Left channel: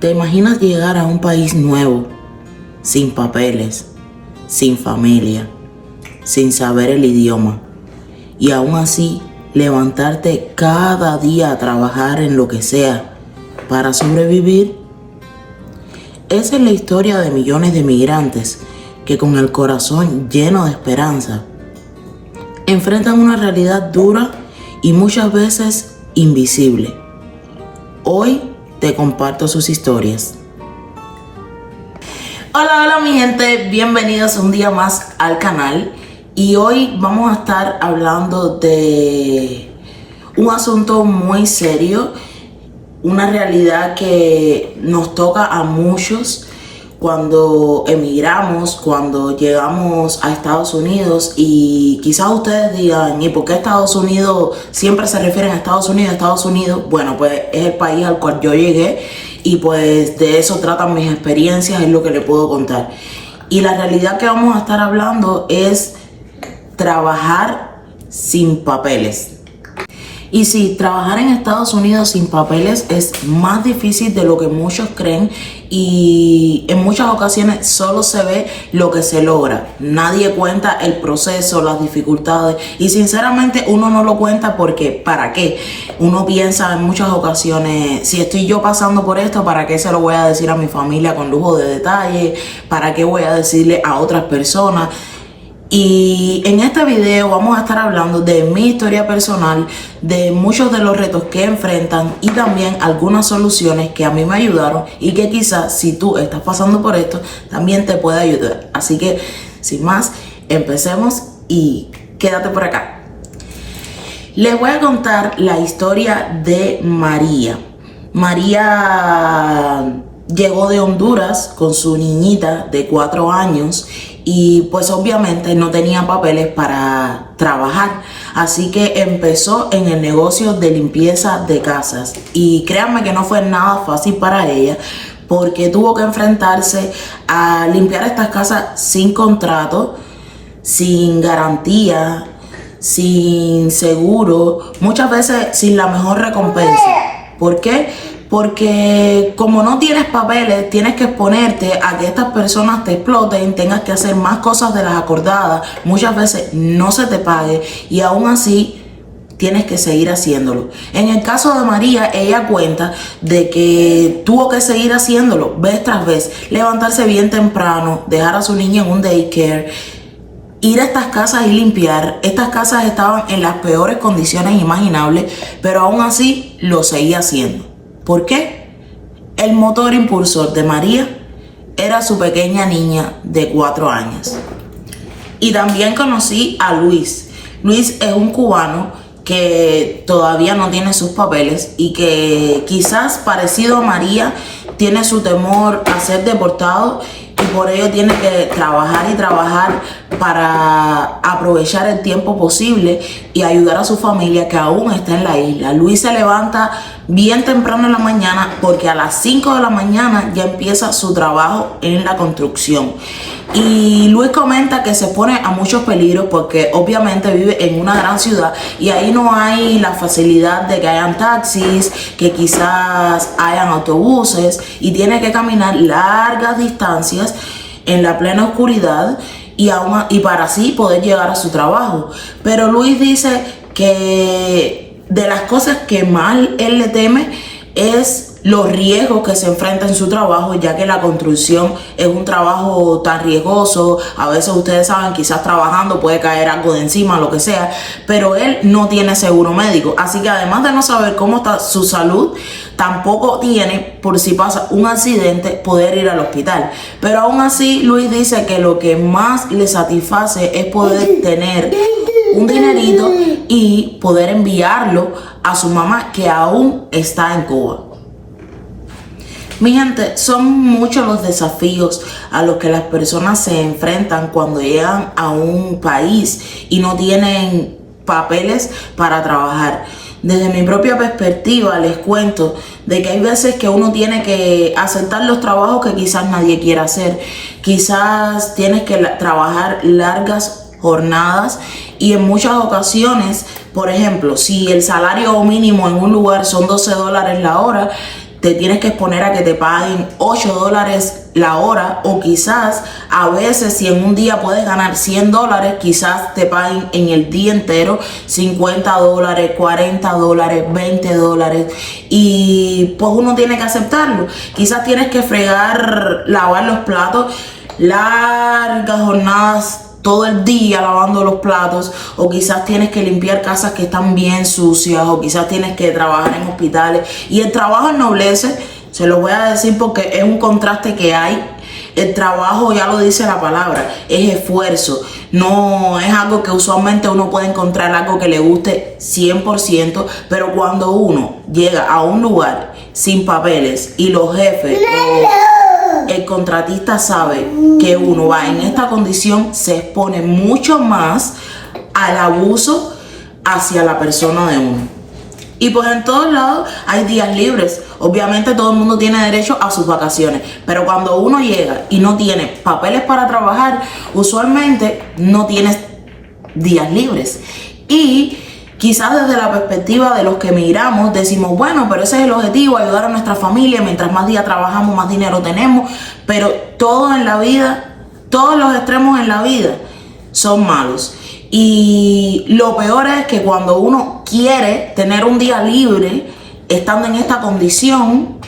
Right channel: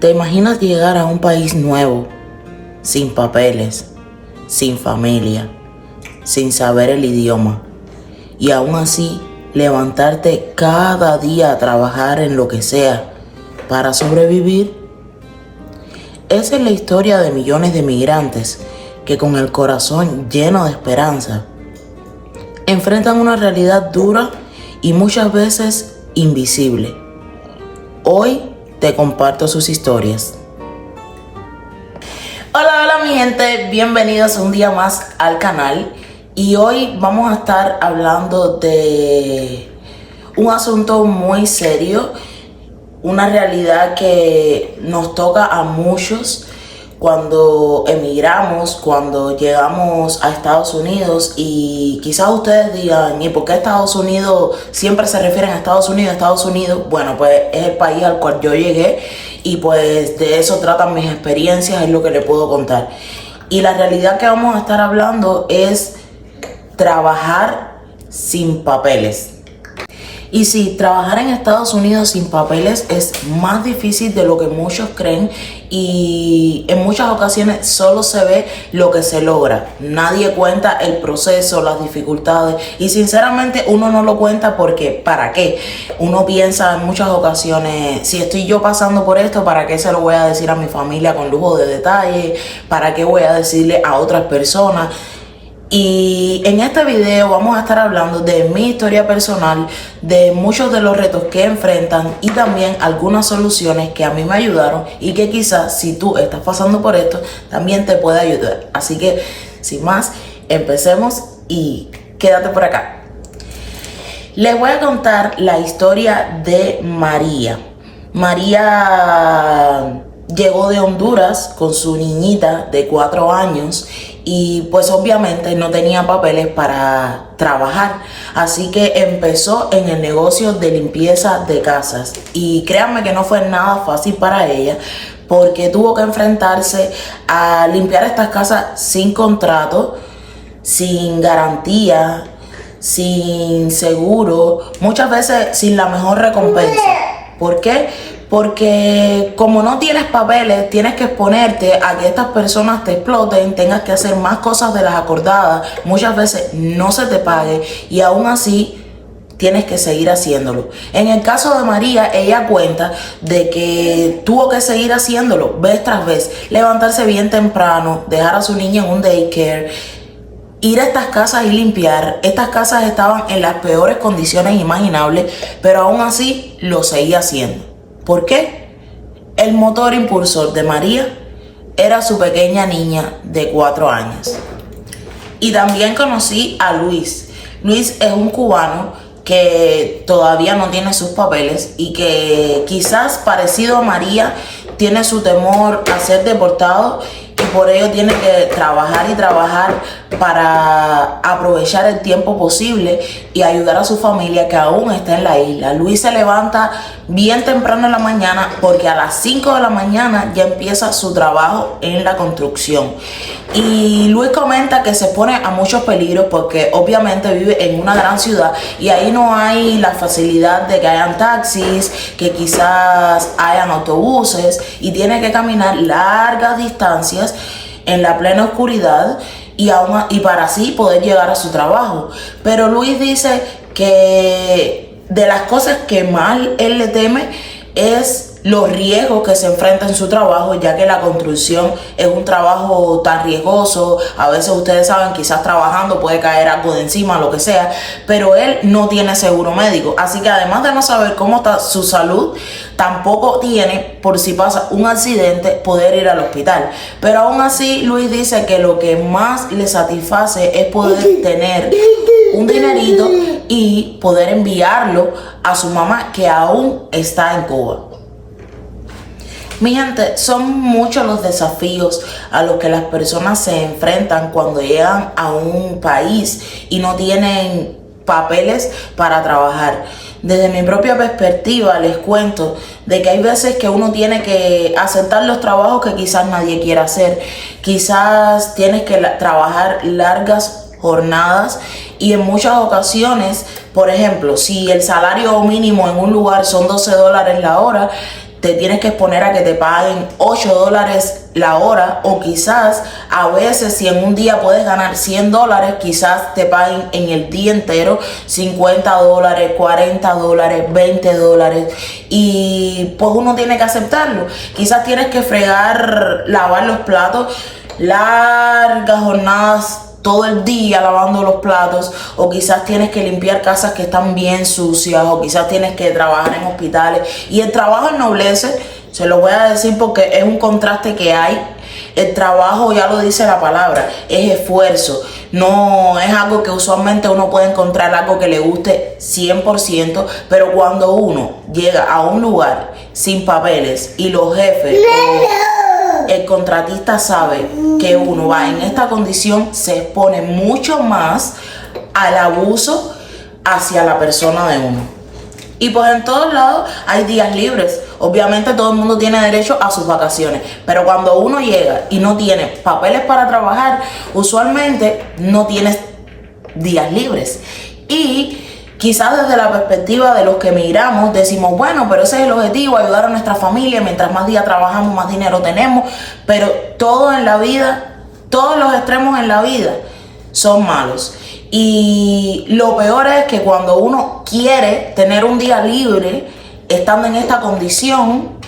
¿Te imaginas llegar a un país nuevo, sin papeles, sin familia, sin saber el idioma, y aún así levantarte cada día a trabajar en lo que sea para sobrevivir? Esa es la historia de millones de migrantes que, con el corazón lleno de esperanza, enfrentan una realidad dura y muchas veces invisible. Hoy te comparto sus historias. Hola mi gente, bienvenidos un día más al canal. Y hoy vamos a estar hablando de un asunto muy serio, una realidad que nos toca a muchos cuando emigramos, cuando llegamos a Estados Unidos. Y quizás ustedes digan, ¿y por qué Estados Unidos? Siempre se refieren a Estados Unidos, Estados Unidos. Bueno, pues es el país al cual yo llegué y pues de eso tratan mis experiencias, es lo que les puedo contar. Y la realidad que vamos a estar hablando es trabajar sin papeles. Y sí, trabajar en Estados Unidos sin papeles es más difícil de lo que muchos creen, y en muchas ocasiones solo se ve lo que se logra. Nadie cuenta el proceso, las dificultades, y sinceramente uno no lo cuenta porque ¿para qué? Uno piensa en muchas ocasiones, si estoy yo pasando por esto, ¿para qué se lo voy a decir a mi familia con lujo de detalle? ¿Para qué voy a decirle a otras personas? Y en este video vamos a estar hablando de mi historia personal, de muchos de los retos que enfrentan y también algunas soluciones que a mí me ayudaron y que quizás si tú estás pasando por esto también te puede ayudar. Así que sin más, empecemos y quédate por acá. Les voy a contar la historia de María. María llegó de Honduras con su niñita de 4 años y pues obviamente no tenía papeles para trabajar, así que empezó en el negocio de limpieza de casas. Y créanme que no fue nada fácil para ella, porque tuvo que enfrentarse a limpiar estas casas sin contrato, sin garantía, sin seguro, muchas veces sin la mejor recompensa. ¿Por qué? Porque como no tienes papeles, tienes que exponerte a que estas personas te exploten, tengas que hacer más cosas de las acordadas, muchas veces no se te pague y aún así tienes que seguir haciéndolo. En el caso de María, ella cuenta de que tuvo que seguir haciéndolo vez tras vez, levantarse bien temprano, dejar a su niña en un daycare, ir a estas casas y limpiar. Estas casas estaban en las peores condiciones imaginables, pero aún así lo seguía haciendo. ¿Por qué? El motor impulsor de María era su pequeña niña de 4 años. Y también conocí a Luis. Luis es un cubano que todavía no tiene sus papeles y que quizás parecido a María tiene su temor a ser deportado, y por ello tiene que trabajar y trabajar para aprovechar el tiempo posible y ayudar a su familia que aún está en la isla. Luis se levanta bien temprano en la mañana porque a las 5 de la mañana ya empieza su trabajo en la construcción. Y Luis comenta que se pone a muchos peligros porque obviamente vive en una gran ciudad y ahí no hay la facilidad de que hayan taxis, que quizás hayan autobuses, y tiene que caminar largas distancias en la plena oscuridad y para así poder llegar a su trabajo. Pero Luis dice que de las cosas que más él le teme es los riesgos que se enfrenta en su trabajo, ya que la construcción es un trabajo tan riesgoso. A veces ustedes saben, quizás trabajando puede caer algo de encima, lo que sea, pero él no tiene seguro médico, así que además de no saber cómo está su salud, tampoco tiene, por si pasa un accidente, poder ir al hospital. Pero aún así Luis dice que lo que más le satisface es poder tener un dinerito y poder enviarlo a su mamá, que aún está en Cuba. Mi gente, son muchos los desafíos a los que las personas se enfrentan cuando llegan a un país y no tienen papeles para trabajar. Desde mi propia perspectiva les cuento de que hay veces que uno tiene que aceptar los trabajos que quizás nadie quiera hacer. Quizás tienes que trabajar largas jornadas y en muchas ocasiones, por ejemplo, si el salario mínimo en un lugar son $12 la hora, te tienes que exponer a que te paguen $8 la hora, o quizás a veces si en un día puedes ganar $100, quizás te paguen en el día entero $50, $40, $20, y pues uno tiene que aceptarlo. Quizás tienes que fregar, lavar los platos, largas jornadas todo el día lavando los platos, o quizás tienes que limpiar casas que están bien sucias, o quizás tienes que trabajar en hospitales. Y el trabajo ennoblece, se lo voy a decir porque es un contraste que hay. El trabajo, ya lo dice la palabra, es esfuerzo, no es algo que usualmente uno puede encontrar algo que le guste 100%, pero cuando uno llega a un lugar sin papeles y los jefes el contratista sabe que uno va en esta condición, se expone mucho más al abuso hacia la persona de uno. Y pues en todos lados hay días libres. Obviamente todo el mundo tiene derecho a sus vacaciones, pero cuando uno llega y no tiene papeles para trabajar, usualmente no tienes días libres. Y quizás desde la perspectiva de los que emigramos decimos, bueno, pero ese es el objetivo, ayudar a nuestra familia, mientras más días trabajamos, más dinero tenemos. Pero todo en la vida, todos los extremos en la vida son malos. Y lo peor es que cuando uno quiere tener un día libre, estando en esta condición,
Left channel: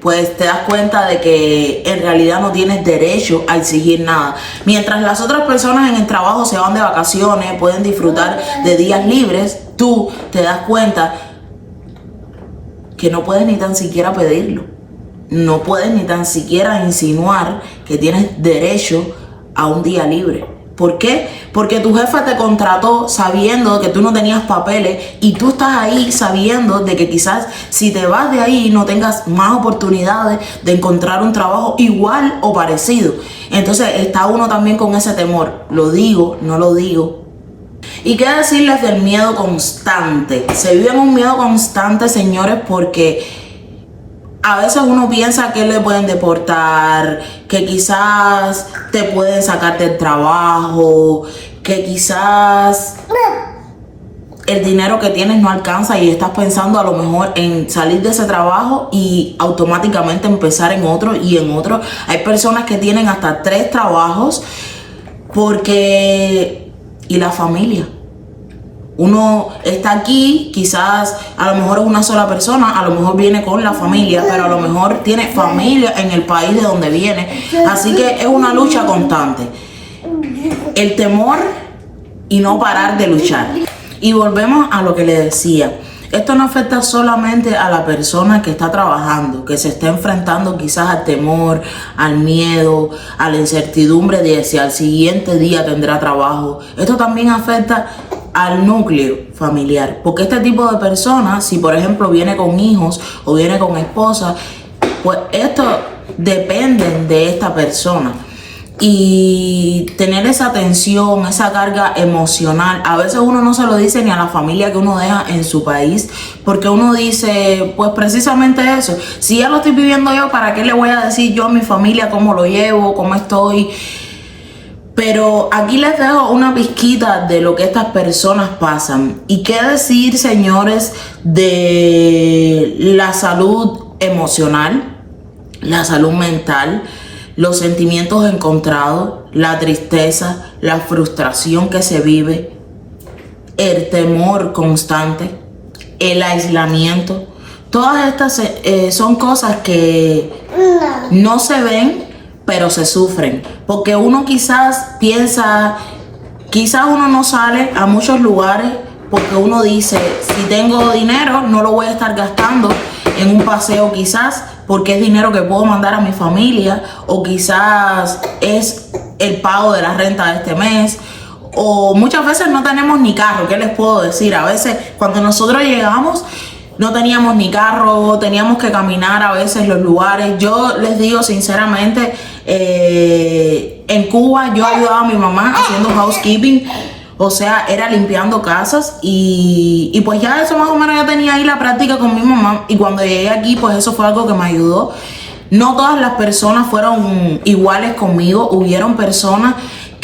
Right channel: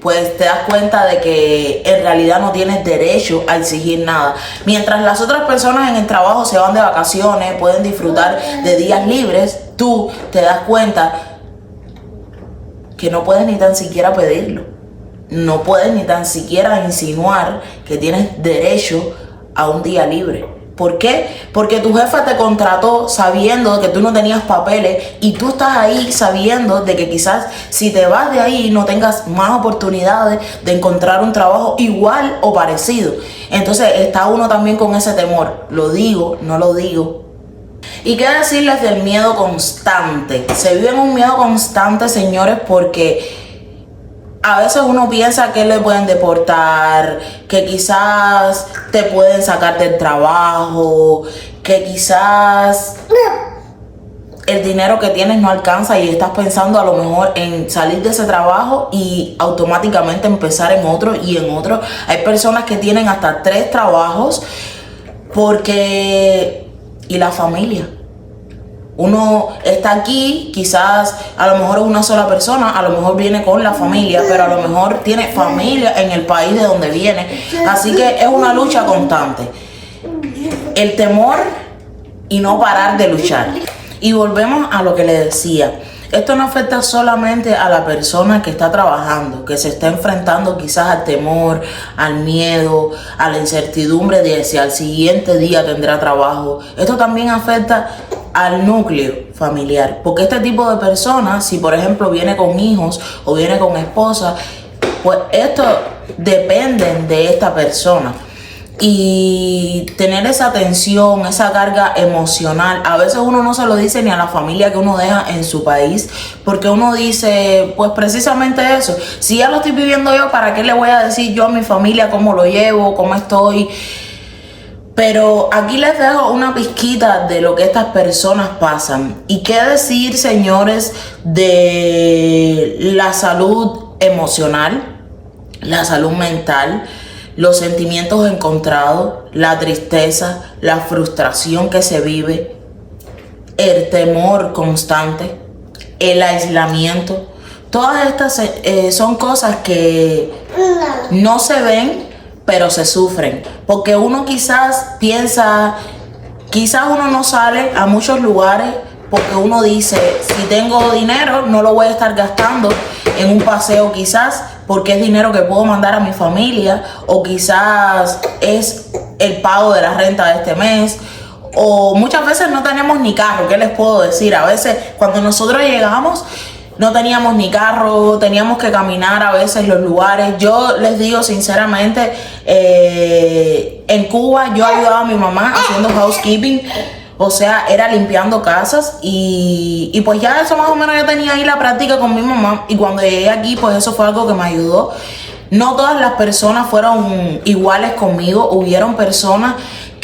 pues te das cuenta de que en realidad no tienes derecho a exigir nada. Mientras las otras personas en el trabajo se van de vacaciones, pueden disfrutar de días libres, tú te das cuenta que no puedes ni tan siquiera pedirlo. No puedes ni tan siquiera insinuar que tienes derecho a un día libre. ¿Por qué? Porque tu jefa te contrató sabiendo que tú no tenías papeles, y tú estás ahí sabiendo de que quizás si te vas de ahí no tengas más oportunidades de encontrar un trabajo igual o parecido. Entonces está uno también con ese temor. ¿Lo digo? ¿No lo digo? ¿Y qué decirles del miedo constante? Se vive en un miedo constante, señores, porque a veces uno piensa que le pueden deportar, que quizás te pueden sacar del trabajo, que quizás el dinero que tienes no alcanza y estás pensando a lo mejor en salir de ese trabajo y automáticamente empezar en otro y en otro. Hay personas que tienen hasta 3 trabajos porque... ¿Y la familia? Uno está aquí, quizás a lo mejor es una sola persona, a lo mejor viene con la familia, pero a lo mejor tiene familia en el país de donde viene. Así que es una lucha constante. El temor y no parar de luchar. Y volvemos a lo que le decía. Esto no afecta solamente a la persona que está trabajando, que se está enfrentando quizás al temor, al miedo, a la incertidumbre de si al siguiente día tendrá trabajo. Esto también afecta al núcleo familiar, porque este tipo de personas, si por ejemplo viene con hijos o viene con esposa, pues esto dependen de esta persona. Y tener esa tensión, esa carga emocional, a veces uno no se lo dice ni a la familia que uno deja en su país, porque uno dice, pues precisamente eso, si ya lo estoy viviendo yo, ¿para qué le voy a decir yo a mi familia cómo lo llevo, cómo estoy? Pero aquí les dejo una pizquita de lo que estas personas pasan. Y qué decir, señores, de la salud emocional, la salud mental, los sentimientos encontrados, la tristeza, la frustración que se vive, el temor constante, el aislamiento. Todas estas son cosas que no se ven, pero se sufren. Porque uno quizás piensa, quizás uno no sale a muchos lugares porque uno dice, si tengo dinero no lo voy a estar gastando en un paseo, quizás porque es dinero que puedo mandar a mi familia, o quizás es el pago de la renta de este mes, o muchas veces no tenemos ni carro. ¿Qué les puedo decir? A veces cuando nosotros llegamos no teníamos ni carro, teníamos que caminar a veces los lugares. Yo les digo sinceramente, en Cuba yo ayudaba a mi mamá haciendo housekeeping, o sea, era limpiando casas, y pues ya eso más o menos yo tenía ahí la práctica con mi mamá, y cuando llegué aquí pues eso fue algo que me ayudó. No todas las personas fueron iguales conmigo, hubieron personas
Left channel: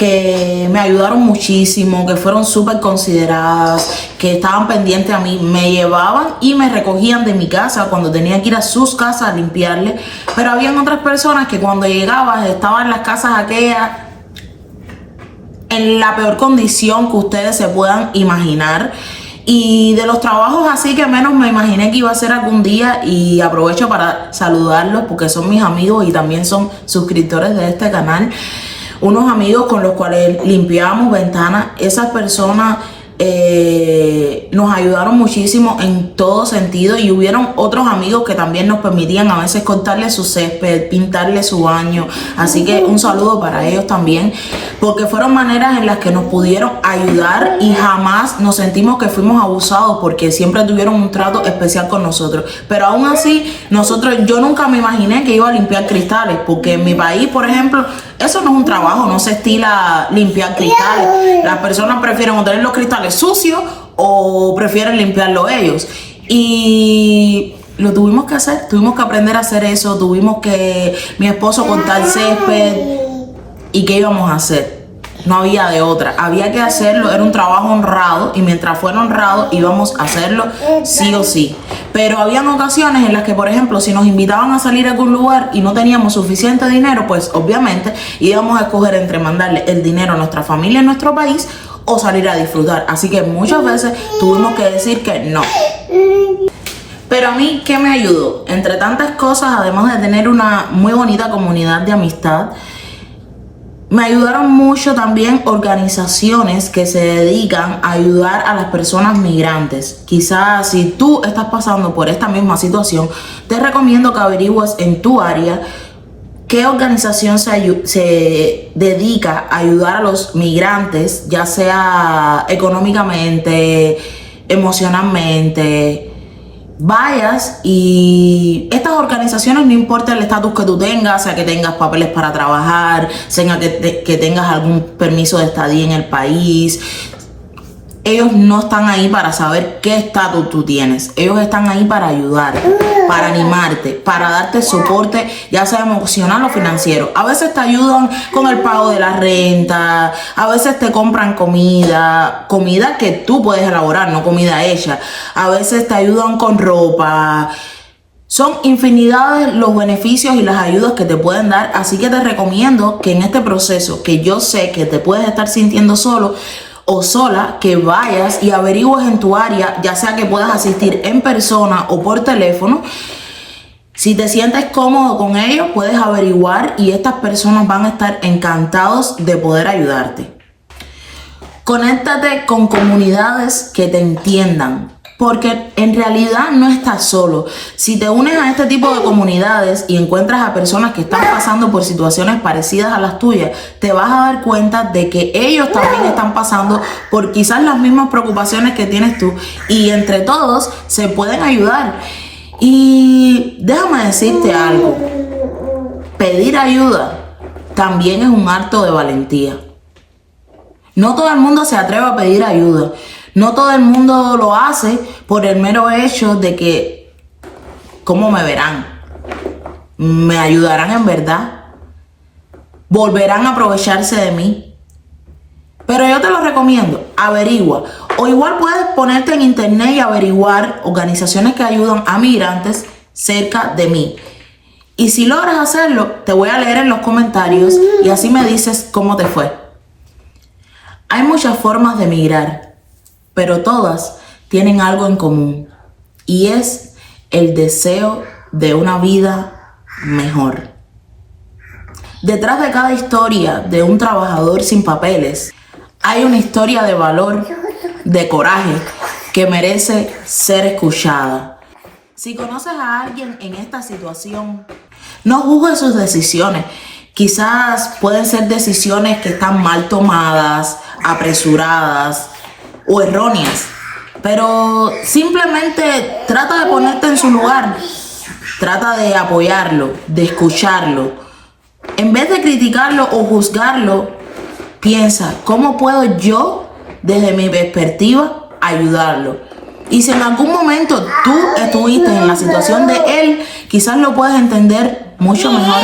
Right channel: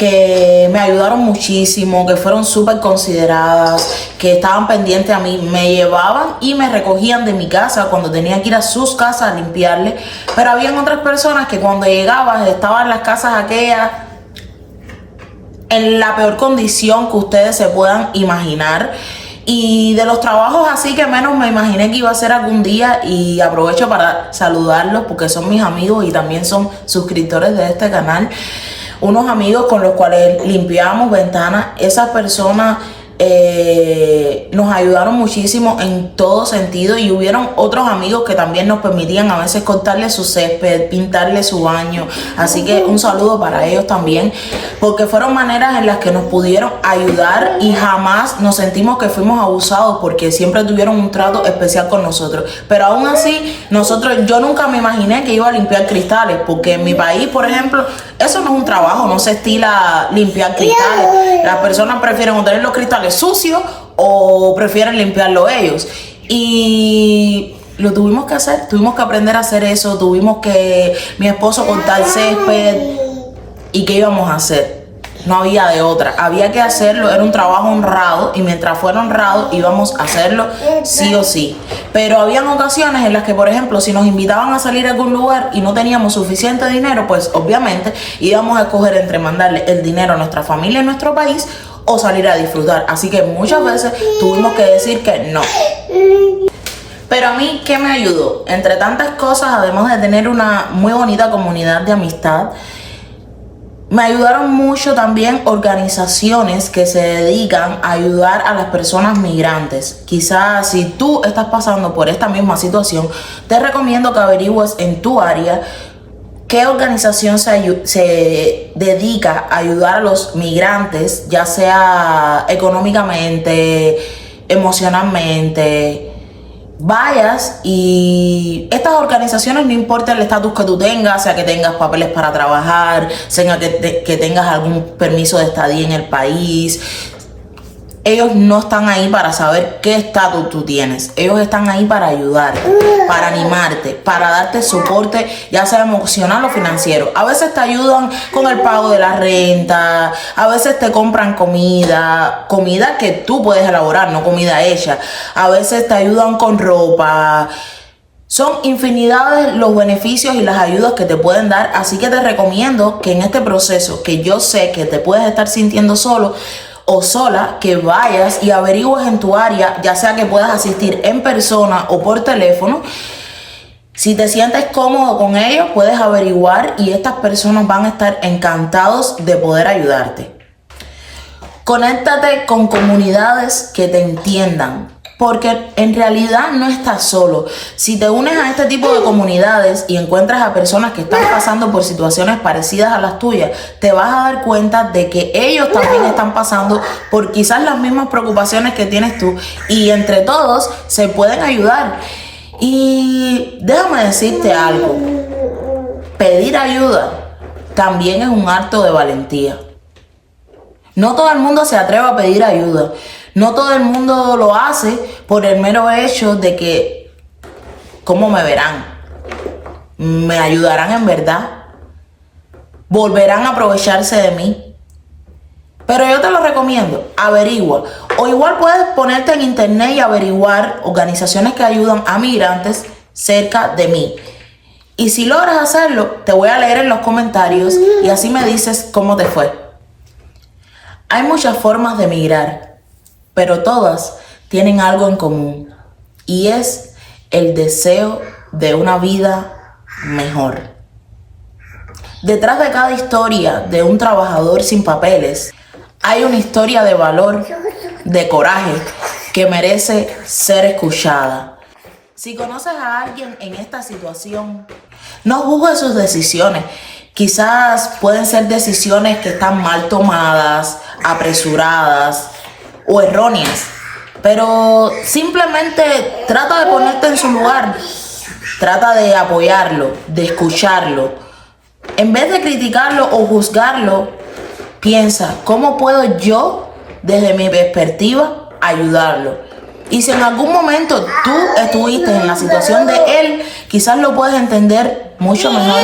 que me ayudaron muchísimo, que fueron súper consideradas, que estaban pendientes a mí, me llevaban y me recogían de mi casa cuando tenía que ir a sus casas a limpiarle. Pero habían otras personas que cuando llegaba estaban en las casas aquellas en la peor condición que ustedes se puedan imaginar. Y de los trabajos así que menos me imaginé que iba a ser algún día, y aprovecho para saludarlos porque son mis amigos y también son suscriptores de este canal. Unos amigos con los cuales limpiamos ventanas. Esas personas nos ayudaron muchísimo en todo sentido, y hubieron otros amigos que también nos permitían a veces cortarle su césped, pintarle su baño. Así que un saludo para ellos también, porque fueron maneras en las que nos pudieron ayudar y jamás nos sentimos que fuimos abusados, porque siempre tuvieron un trato especial con nosotros. Pero aún así, yo nunca me imaginé que iba a limpiar cristales, porque en mi país, por ejemplo, eso no es un trabajo, no se estila limpiar cristales. Las personas prefieren o tener los cristales sucios o prefieren limpiarlo ellos. Y lo tuvimos que hacer, tuvimos que aprender a hacer eso, mi esposo cortar césped. ¿Y qué íbamos a hacer? No había de otra, había que hacerlo, era un trabajo honrado, y mientras fuera honrado íbamos a hacerlo sí o sí. Pero habían ocasiones en las que, por ejemplo, si nos invitaban a salir a algún lugar y no teníamos suficiente dinero, pues obviamente íbamos a escoger entre mandarle el dinero a nuestra familia en nuestro país o salir a disfrutar. Así que muchas veces tuvimos que decir que no. Pero a mí, ¿qué me ayudó? Entre tantas cosas, además de tener una muy bonita comunidad de amistad, me ayudaron mucho también organizaciones que se dedican a ayudar a las personas migrantes. Quizás si tú estás pasando por esta misma situación, te recomiendo que averigües en tu área qué organización se dedica a ayudar a los migrantes, ya sea económicamente, emocionalmente. Vayas, y estas organizaciones, no importa el estatus que tú tengas, sea que tengas papeles para trabajar, sea que tengas algún permiso de estadía en el país, ellos no están ahí para saber qué estatus tú tienes. Ellos están ahí para ayudar, para animarte, para darte soporte, ya sea emocional o financiero. A veces te ayudan con el pago de la renta, a veces te compran comida que tú puedes elaborar, no comida hecha. A veces te ayudan con ropa. Son infinidades los beneficios y las ayudas que te pueden dar. Así que te recomiendo que en este proceso, que yo sé que te puedes estar sintiendo solo o sola, que vayas y averigües en tu área, ya sea que puedas asistir en persona o por teléfono. Si te sientes cómodo con ellos, puedes averiguar, y estas personas van a estar encantados de poder ayudarte. Conéctate con comunidades que te entiendan, porque en realidad no estás solo. Si te unes a este tipo de comunidades y encuentras a personas que están pasando por situaciones parecidas a las tuyas, te vas a dar cuenta de que ellos también están pasando por quizás las mismas preocupaciones que tienes tú, y entre todos se pueden ayudar. Y déjame decirte algo, pedir ayuda también es un acto de valentía. No todo el mundo se atreve a pedir ayuda. No todo el mundo lo hace por el mero hecho de que, ¿cómo me verán? ¿Me ayudarán en verdad? ¿Volverán a aprovecharse de mí? Pero yo te lo recomiendo, averigua. O igual puedes ponerte en internet y averiguar organizaciones que ayudan a migrantes cerca de mí. Y si logras hacerlo, te voy a leer en los comentarios y así me dices cómo te fue. Hay muchas formas de migrar, pero todas tienen algo en común, y es el deseo de una vida mejor. Detrás de cada historia de un trabajador sin papeles, hay una historia de valor, de coraje, que merece ser escuchada. Si conoces a alguien en esta situación, no juzgues sus decisiones. Quizás pueden ser decisiones que están mal tomadas, apresuradas o erróneas, pero simplemente trata de ponerte en su lugar, trata de apoyarlo, de escucharlo. En vez de criticarlo o juzgarlo, piensa, ¿cómo puedo yo, desde mi perspectiva, ayudarlo? Y si en algún momento tú estuviste en la situación de él, quizás lo puedes entender mucho mejor.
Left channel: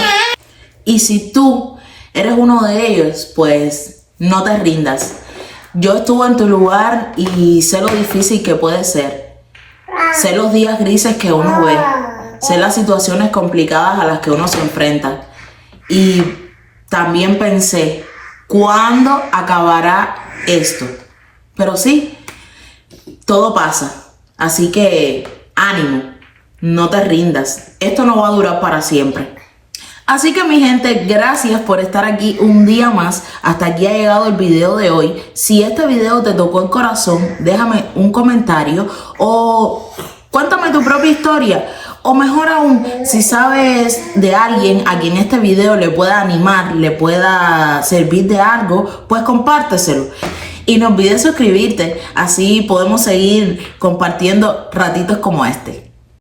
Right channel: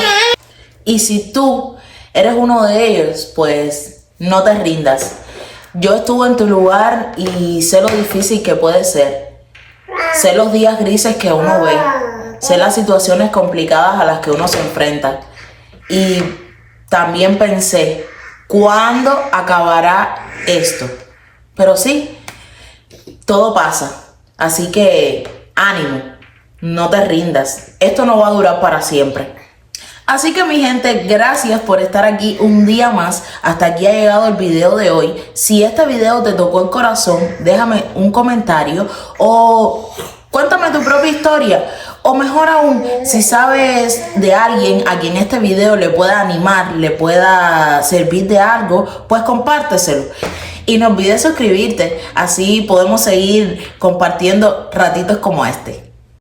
Y si tú eres uno de ellos, pues no te rindas. Yo estuve en tu lugar y sé lo difícil que puede ser. Sé los días grises que uno ve. Sé las situaciones complicadas a las que uno se enfrenta. Y también pensé, ¿cuándo acabará esto? Pero sí, todo pasa. Así que ánimo, no te rindas. Esto no va a durar para siempre. Así que mi gente, gracias por estar aquí un día más. Hasta aquí ha llegado el video de hoy. Si este video te tocó el corazón, déjame un comentario o cuéntame tu propia historia. O mejor aún, si sabes de alguien a quien este video le pueda animar, le pueda servir de algo, pues compárteselo. Y no olvides suscribirte, así podemos seguir compartiendo ratitos como este.